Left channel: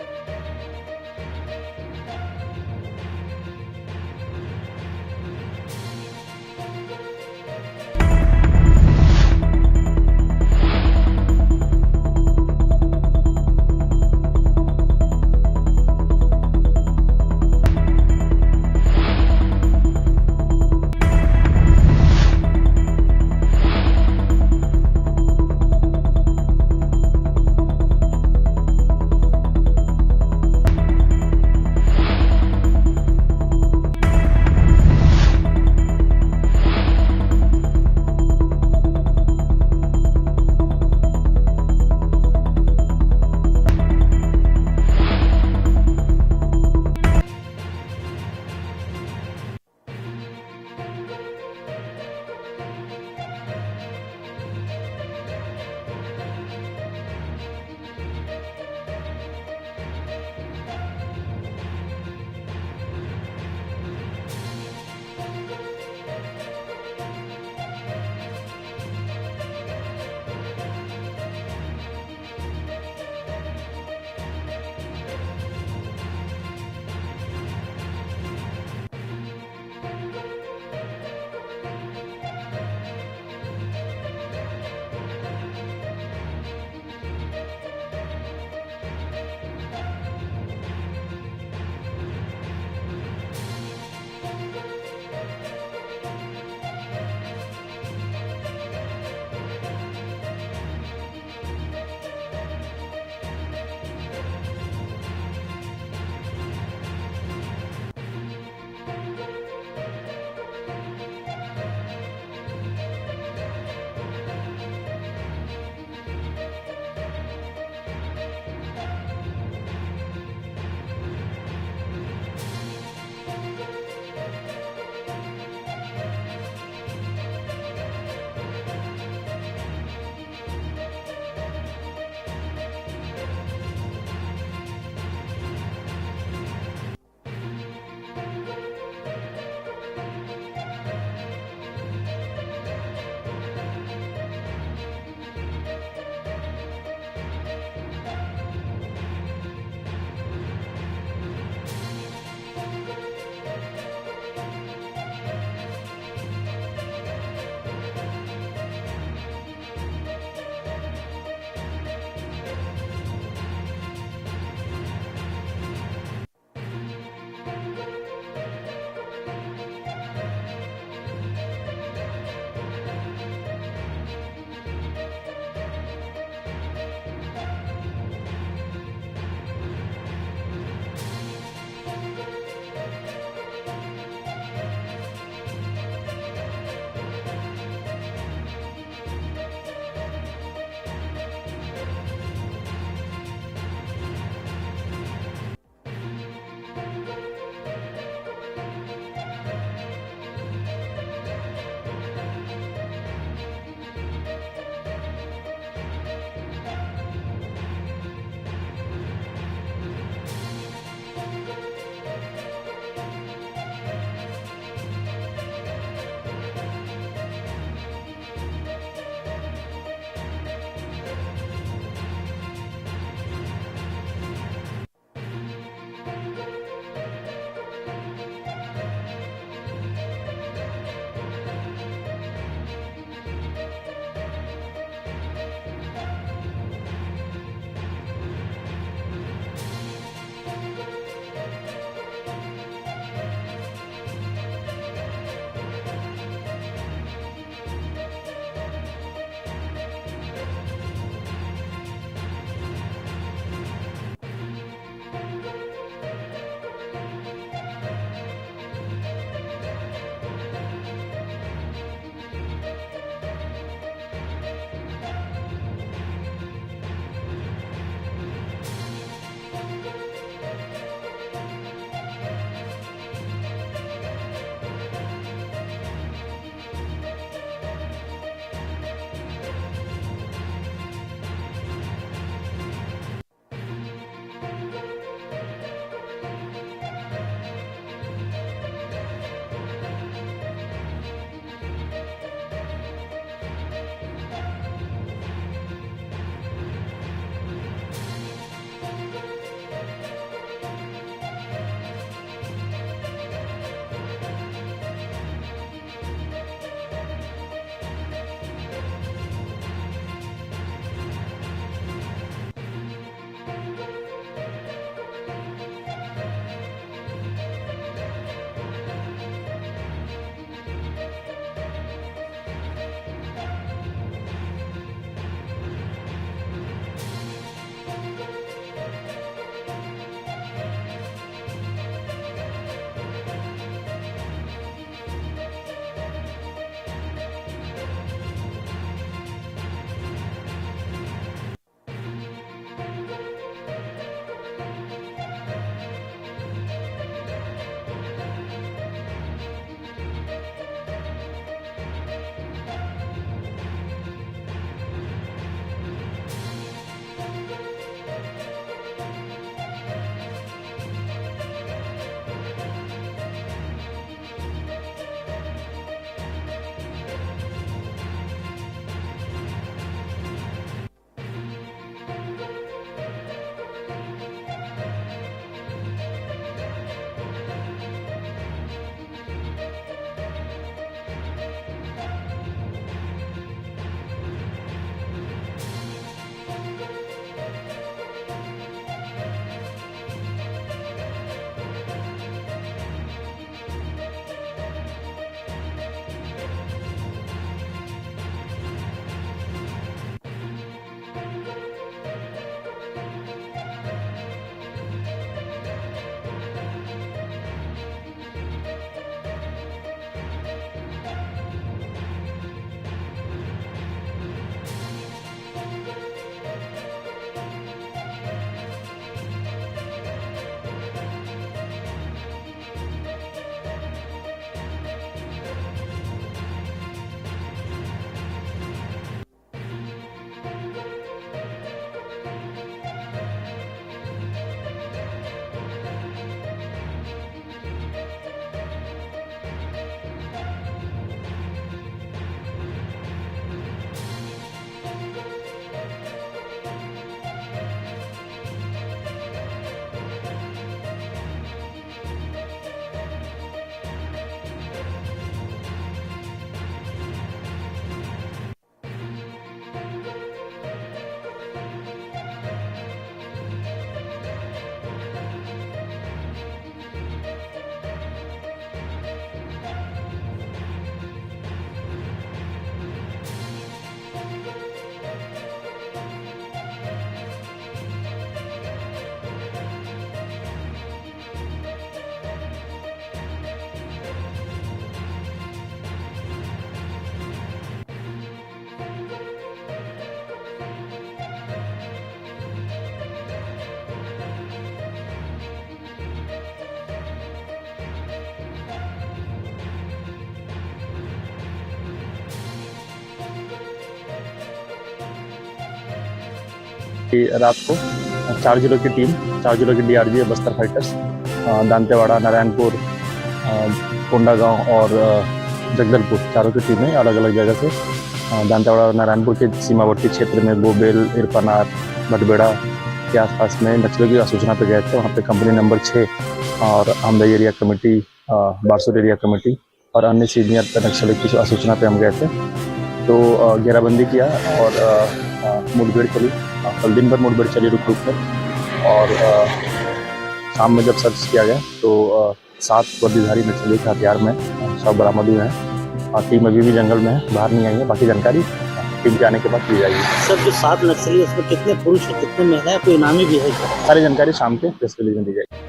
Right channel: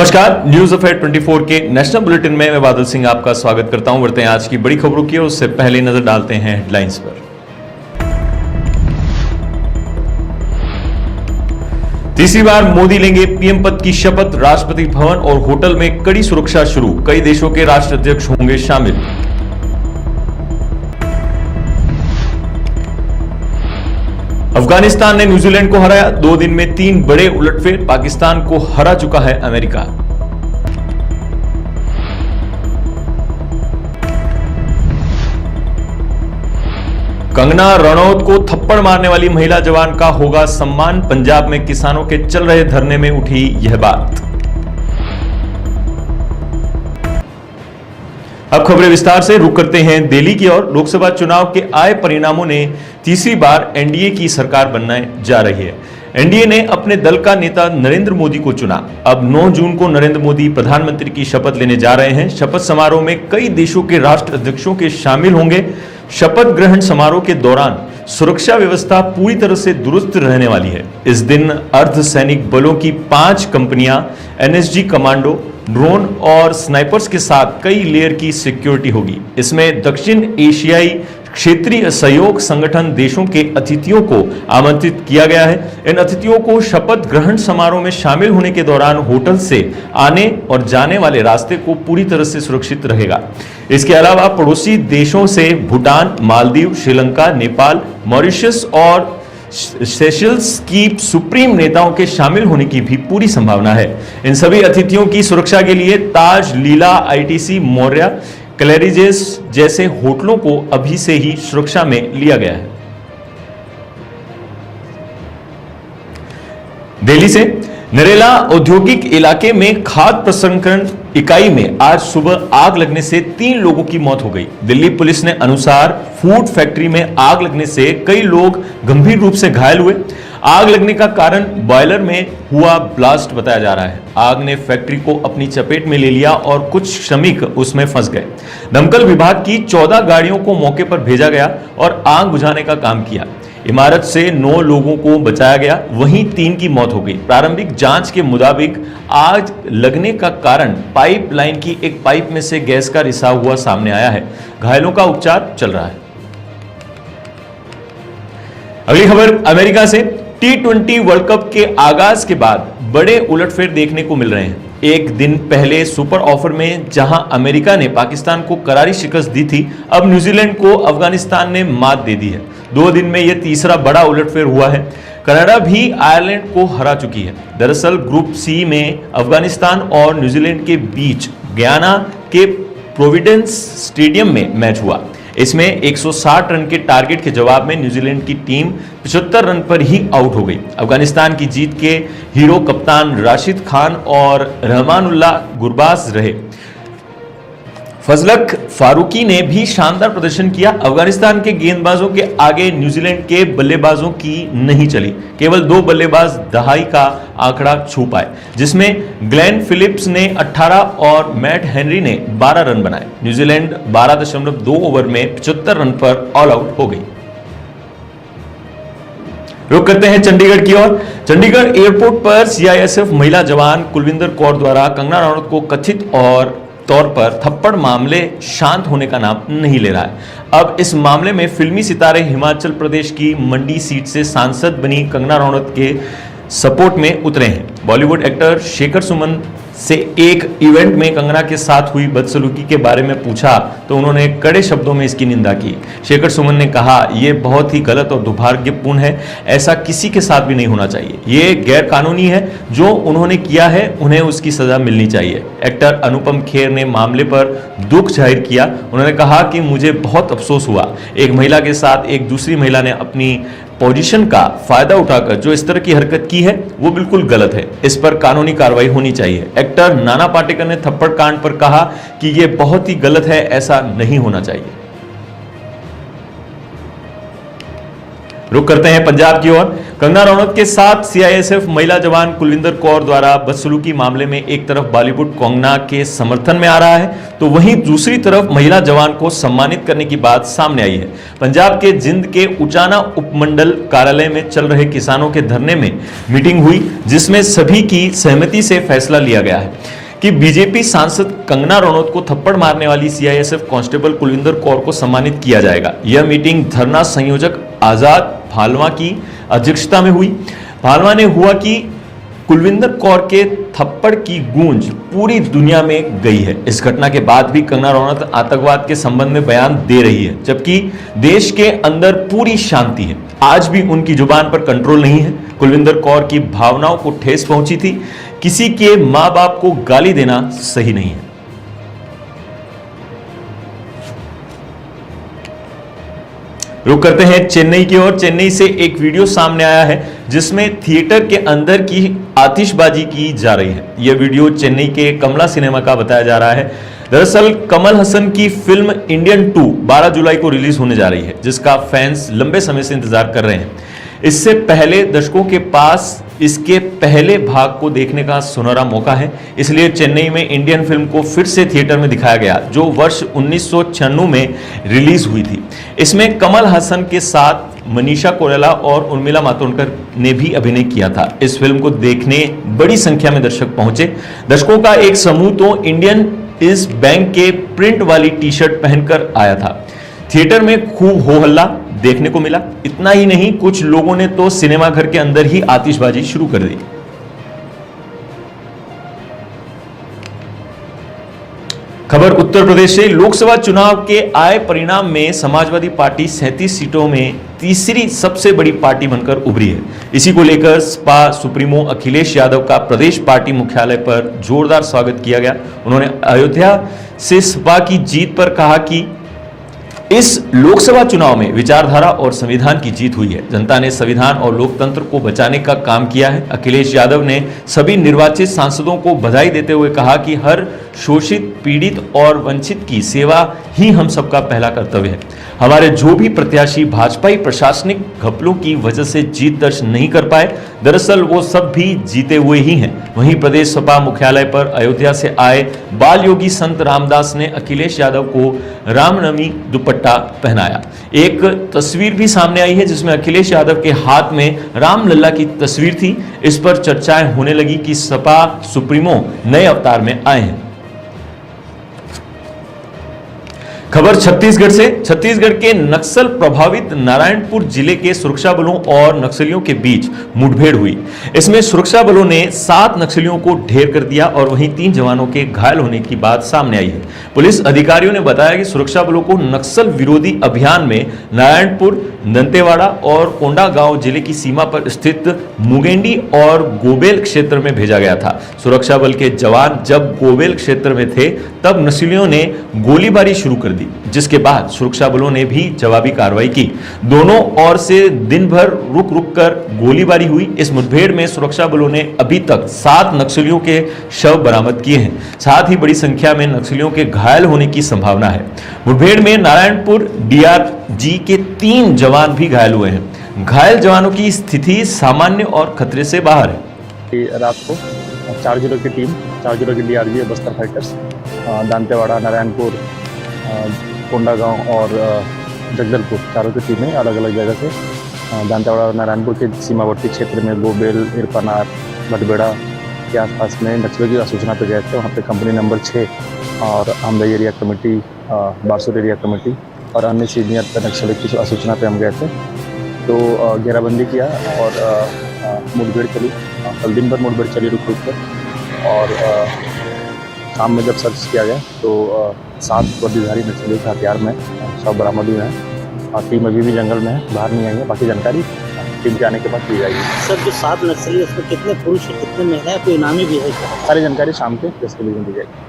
नमस्कार, news affair 24 के national bulletin में मैं बादल सिंह आपका स्वागत करता हूं। बढ़ते हैं आज की बड़ी खबरों की, उससे पहले नजर डालते हैं हेडलाइंस पर। तीसरी बार मोदी लेंगे पीएम पद की शपथ। राष्ट्रपति भवन और होटल में कड़ी सुरक्षा शुरू। कई देशों के राष्ट्राध्यक्ष होंगे शामिल। अफगानिस्तान ने न्यूजीलैंड को हराया। 2 दिन में 3 बड़े उलटफेर। पाकिस्तान को हरा चुका है अमेरिका। कंगना रनौत को थप्पड़ मारने वाली महिला जवान का होगा सम्मान। पंजाब में किसानों के चल रहे धरने में उठी यह बात। अब खबरें विस्तार से रुक करते हैं दिल्ली की ओर। लोकसभा चुनाव के आए परिणामों ने तीसरी बार एनडीए की सरकार बनने जा रही है। एनडीए ने अपने दल का नेता नरेंद्र मोदी को चुना। अब 9 जून को नरेंद्र मोदी प्रधानमंत्री की शपथ लेने जा रहे हैं। शपथ समारोह में कई देशों के राष्ट्राध्यक्षों के शामिल होंगे। शपथ ग्रहण समारोह के दौरान सुरक्षा व्यवस्था पूरी तरह से दुरुस्त रहने वाली है। इस दिन अर्धसैनिक बलों की 5 कंपनियां, एनएसजी कमांडो, ड्रोन और स्नाइपर्स के साथ कई लेयर की सिक्योरिटी होगी। इसमें दक्षिण एशियाई क्षेत्रीय सहयोग संगठन देशों के अतिथियों को आमंत्रित किया गया है। इन अतिथियों को शपथ ग्रहण समारोह में शामिल होने के दौरान होटल से आने और जाने वाले रास्ते को पूरी तरह से सुरक्षित रहेगा। इसके अलावा पड़ोसी देशों से भूटान, मालदीव, श्रीलंका, नेपाल, मॉरिशस और सेशल्स की सुप्रीम नेताओं के शामिल होने की भी पूरी संभावना है। इन सभी अतिथियों की सुरक्षा के लिए ताज, लीला, आईटीसी, मौर्या, क्लैरिजेस जैसे होटलों को अभी से ही सुरक्षा में लिया गया है। दिल्ली से नरेला औद्योगिक इलाके में खाद्य प्रसंस्करण इकाई में आज सुबह आग लगने से 3 लोगों की मौत हो गई। दिल्ली पुलिस ने अनुसार फूड फैक्ट्री में आग लगने से कई लोग गंभीर रूप से घायल हुए। आग लगने का कारण बॉयलर में हुआ ब्लास्ट बताया जा रहा है। आग ने फैक्ट्री को अपनी चपेट में ले लिया और कुछ श्रमिक उसमें फंस गए। दमकल विभाग की 14 गाड़ियों को मौके पर भेजा गया और आग बुझाने का काम किया। इमारत से 9 लोगों को बचाया गया, वहीं 3 की मौत हो गई। प्रारंभिक जांच के मुताबिक आग लगने का कारण पाइपलाइन की एक पाइप में से गैस का रिसाव हुआ सामने आया है। घायलों का उपचार चल रहा है। अगली खबर अमेरिका से। T20 वर्ल्ड कप के आगाज के बाद बड़े उलटफेर देखने को मिल रहे हैं। एक दिन पहले सुपर ओवर में जहां अमेरिका ने पाकिस्तान को करारी शिकस्त दी थी, अब न्यूजीलैंड को अफगानिस्तान ने मात दे दी है। 2 दिन में यह तीसरा बड़ा उलटफेर हुआ है। कनाडा भी आयरलैंड को हरा चुकी है। दरअसल ग्रुप सी में अफगानिस्तान और न्यूजीलैंड के बीच गयाना के प्रोविडेंस स्टेडियम में मैच हुआ। इसमें 160 रन के टारगेट के जवाब में न्यूजीलैंड की टीम 75 रन पर ही आउट हो गई। अफगानिस्तान की जीत के हीरो कप्तान राशिद खान और रहमानुल्लाह गुरबाज रहे। फजलक फारूकी ने भी शानदार प्रदर्शन किया। अफगानिस्तान के गेंदबाजों के आगे न्यूजीलैंड के बल्लेबाजों की नहीं चली। केवल 2 बल्लेबाज दहाई का आंकड़ा छू पाए, जिसमें ग्लेन फिलिप्स ने 18 और मैट हेनरी ने 12 रन बनाए। न्यूजीलैंड 12.2 ओवर में 75 रन पर ऑल आउट हो गई। रुक करते हैं चंडीगढ़ की ओर। चंडीगढ़ एयरपोर्ट पर सीआईएसएफ महिला जवान कुलविंदर कौर द्वारा कंगना रनौत को कथित तौर पर थप्पड़ मामले शांत होने का नाम नहीं ले रहा है। अब इस मामले में फिल्मी सितारे हिमाचल प्रदेश की मंडी सीट से सांसद बनी कंगना रनौत के सपोर्ट में उतरे हैं। बॉलीवुड एक्टर शेखर सुमन से एक इवेंट में कंगना के साथ हुई बदसलूकी के बारे में पूछा तो उन्होंने कड़े शब्दों में इसकी निंदा की। शेखर सुमन ने कहा, यह बहुत ही गलत और दुर्भाग्यपूर्ण है। ऐसा किसी के साथ भी नहीं होना चाहिए। ये गैर कानूनी है। जो उन्होंने किया है उन्हें उसकी सजा मिलनी चाहिए। एक्टर अनुपम खेर ने मामले पर दुख जाहिर किया। उन्होंने कहा कि मुझे बहुत अफसोस हुआ। एक महिला के साथ एक दूसरी महिला ने अपनी पोजीशन का फायदा उठाकर जो इस तरह की हरकत की है वो बिल्कुल गलत है। इस पर कानूनी कार्रवाई होनी चाहिए। एक्टर नाना पाटेकर ने थप्पड़ कांड पर कहा कि यह बहुत ही गलत है, ऐसा नहीं होना चाहिए। रुक करते हैं पंजाब की ओर। कंगना रनौत के साथ सीआईएसएफ महिला जवान कुलविंदर कौर द्वारा बदसलूकी मामले में एक तरफ बॉलीवुड कंगना के समर्थन में आ रहा है तो वहीं दूसरी तरफ महिला जवान को सम्मानित करने की बात सामने आई है। पंजाब के जिंद के उचाना उपमंडल कार्यालय में चल रहे किसानों के धरने में मीटिंग हुई जिसमें सभी की सहमति से फैसला लिया गया है कि बीजेपी सांसद कंगना रनौत को थप्पड़ मारने वाली सीआईएसएफ कांस्टेबल कुलविंदर कौर को सम्मानित किया जाएगा। यह मीटिंग धरना संयोजक आजाद भालवा की अध्यक्षता में हुई। भालवा ने हुआ कि कुलविंदर कौर के थप्पड़ की गूंज पूरी दुनिया में गई है। इस घटना के बाद भी कंगना रनौत आतंकवाद के संबंध में बयान दे रही है जबकि देश के अंदर पूरी शांति है। आज भी उनकी जुबान पर कंट्रोल नहीं है। कुलविंदर कौर की भावनाओं को ठेस पहुंची थी। किसी के मां बाप को गाली देना सही नहीं है। रुक करते हैं चेन्नई की ओर। चेन्नई से एक वीडियो सामने आया है जिसमें थिएटर के अंदर की आतिशबाजी की जा रही है। यह वीडियो चेन्नई के कमला सिनेमा का बताया जा रहा है। दरअसल कमल हसन की फिल्म इंडियन 2 12 जुलाई को रिलीज होने जा रही है जिसका फैंस लंबे समय से इंतजार कर रहे हैं। इससे पहले दर्शकों के पास इसके पहले भाग को देखने का सुनहरा मौका है, इसलिए चेन्नई में इंडियन फिल्म को फिर से थिएटर में दिखाया गया जो वर्ष 1996 में रिलीज हुई थी। इसमें कमल हसन के साथ मनीषा कोइराला और उर्मिला मातोंडकर ने भी अभिनय किया था। इस फिल्म को देखने बड़ी संख्या में दर्शक पहुंचे। दर्शकों का एक समूह तो इंडियन इस बैंक के प्रिंट वाली टी शर्ट पहनकर आया था। थिएटर में खूब हो हल्ला देखने को मिला। इतना ही नहीं, कुछ लोगों ने तो सिनेमा घर के अंदर ही आतिशबाजी शुरू कर दी। खबर उत्तर प्रदेश से। लोकसभा चुनाव के आए परिणाम में समाजवादी पार्टी 37 सीटों में तीसरी सबसे बड़ी पार्टी बनकर उभरी है। इसी को लेकर सपा सुप्रीमो अखिलेश यादव का प्रदेश पार्टी मुख्यालय पर जोरदार स्वागत किया गया। उन्होंने अयोध्या से सपा की जीत पर कहा कि इस लोकसभा चुनाव में विचारधारा और संविधान की जीत हुई है। जनता ने संविधान और लोकतंत्र को बचाने का काम किया है। अखिलेश यादव ने सभी निर्वाचित सांसदों को बधाई देते हुए कहा कि हर शोषित, पीड़ित और वंचित की सेवा ही हम सबका पहला कर्तव्य है। हमारे जो भी प्रत्याशी भाजपाई प्रशासनिक घपलों की वजह से जीत दर्ज नहीं कर पाए, दरअसल वो सब भी जीते हुए ही हैं। वहीं प्रदेश सपा मुख्यालय पर अयोध्या से आए बाल योगी संत रामदास ने अखिलेश यादव को रामनवमी दुपट्टा पहनाया। एक तस्वीर भी सामने आई है जिसमें अखिलेश यादव के हाथ में रामलला की तस्वीर थी। इस पर चर्चाएं होने लगी कि सपा सुप्रीमो नए अवतार में आए हैं। खबर छत्तीसगढ़ से। छत्तीसगढ़ के नक्सल प्रभावित नारायणपुर जिले के सुरक्षा बलों और नक्सलियों के बीच मुठभेड़ हुई। इसमें सुरक्षा बलों ने 7 नक्सलियों को ढेर कर दिया और वहीं 3 जवानों के घायल होने की बात सामने आई है। पुलिस अधिकारियों ने बताया कि सुरक्षा बलों को नक्सल विरोधी अभियान में नारायणपुर, दंतेवाड़ा और कोंडागांव जिले की सीमा पर स्थित मुगेंडी और गोबेल क्षेत्र में भेजा गया था। सुरक्षा बल के जवान जब गोबेल क्षेत्र में थे तब नक्सलियों ने गोलीबारी शुरू कर दी, जिसके बाद सुरक्षा बलों ने भी जवाबी कार्रवाई की। दोनों ओर से दिन भर रुक रुक कर गोलीबारी हुई। इस मुठभेड़ में सुरक्षा बलों ने अभी तक 7 नक्सलियों के शव बरामद किए हैं। साथ ही बड़ी संख्या में नक्सलियों के घायल होने की संभावना है। मुठभेड़ में नारायणपुर डीआरजी के 3 जवान भी घायल हुए हैं। घायल जवानों की स्थिति सामान्य और खतरे से बाहर है। रात को 4 जिलों की टीम, 4 जिलों की डीआरजी बस्तर फाइटर्स, दंतेवाड़ा, नारायणपुर, कोंडागांव और जगदलपुर, चारों की टीमें अलग अलग जगह से दंतेवाड़ा और नारायणपुर के सीमावर्ती क्षेत्र में गोबेल, इरपनार, भटबेड़ा के आसपास में नक्सलियों की सूचना पर गए थे। वहाँ पे कंपनी नंबर 6 और Amdai area committee, Barsur area committee और अन्य सीनियर नक्सलियों की सूचना पे हम गए थे। तो घेराबंदी किया और मुठभेड़ चली। कल दिन भर मुठभेड़ चली रुक रुक कर और शाम में जब सर्च किया गया तो 7 वर्दीधारी नक्सली के हथियार में सब बरामद हुए हैं। टीम अभी भी जंगल में है, बाहर नहीं आई है। बाकी जानकारी टीम के आने के बाद दी जाएगी। सर, जो 7 नक्सली उसमें कितने पुरुष और कितने महिलाएं, कोई इनामी भी है? सारी जानकारी शाम के प्रेस रिलीज में दी जाएगी।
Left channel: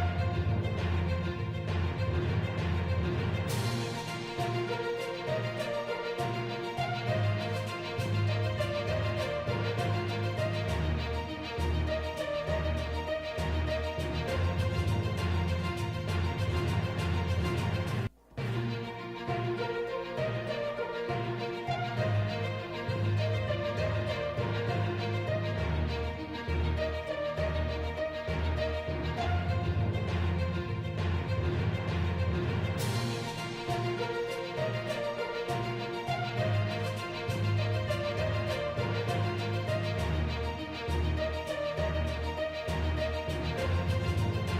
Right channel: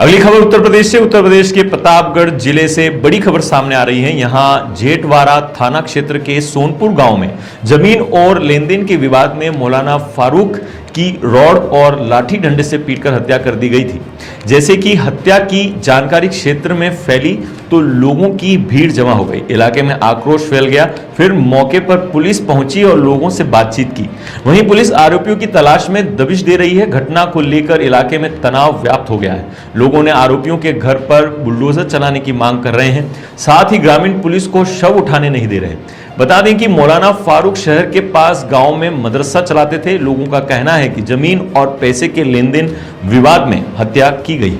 अगली खबर उत्तर प्रदेश से। उत्तर प्रदेश के प्रतापगढ़ जिले से बड़ी खबर सामने आ रही है। यहां जेठवाड़ा थाना क्षेत्र के सोनपुर गांव में जमीन और लेनदेन के विवाद में मौलाना फारूक की रॉड और लाठी डंडे से पीटकर हत्या कर दी गई थी। जैसे कि हत्या की जानकारी क्षेत्र में फैली तो लोगों की भीड़ जमा हो गई, इलाके में आक्रोश फैल गया। फिर मौके पर पुलिस पहुंची और लोगों से बातचीत की। वहीं पुलिस आरोपियों की तलाश में दबिश दे रही है। घटना को लेकर इलाके में तनाव व्याप्त हो गया है। लोगों ने आरोपियों के घर पर बुलडोजर चलाने की मांग कर रहे हैं। साथ ही ग्रामीण पुलिस को शव उठाने नहीं दे रहे। बता दें कि मौलाना फारूक शहर के पास गांव में मदरसा चलाते थे। लोगों का कहना है कि जमीन और पैसे के लेन देन विवाद में हत्या की गई।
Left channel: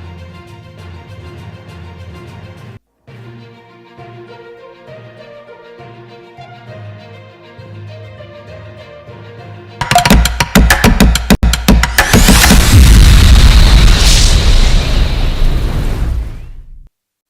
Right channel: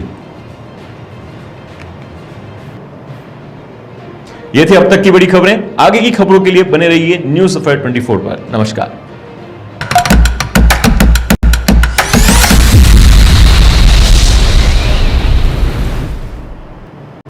ये थी अब तक की बड़ी खबरें। आगे की खबरों के लिए बने रहिए न्यूज़ अफेयर 24 पर। नमस्कार।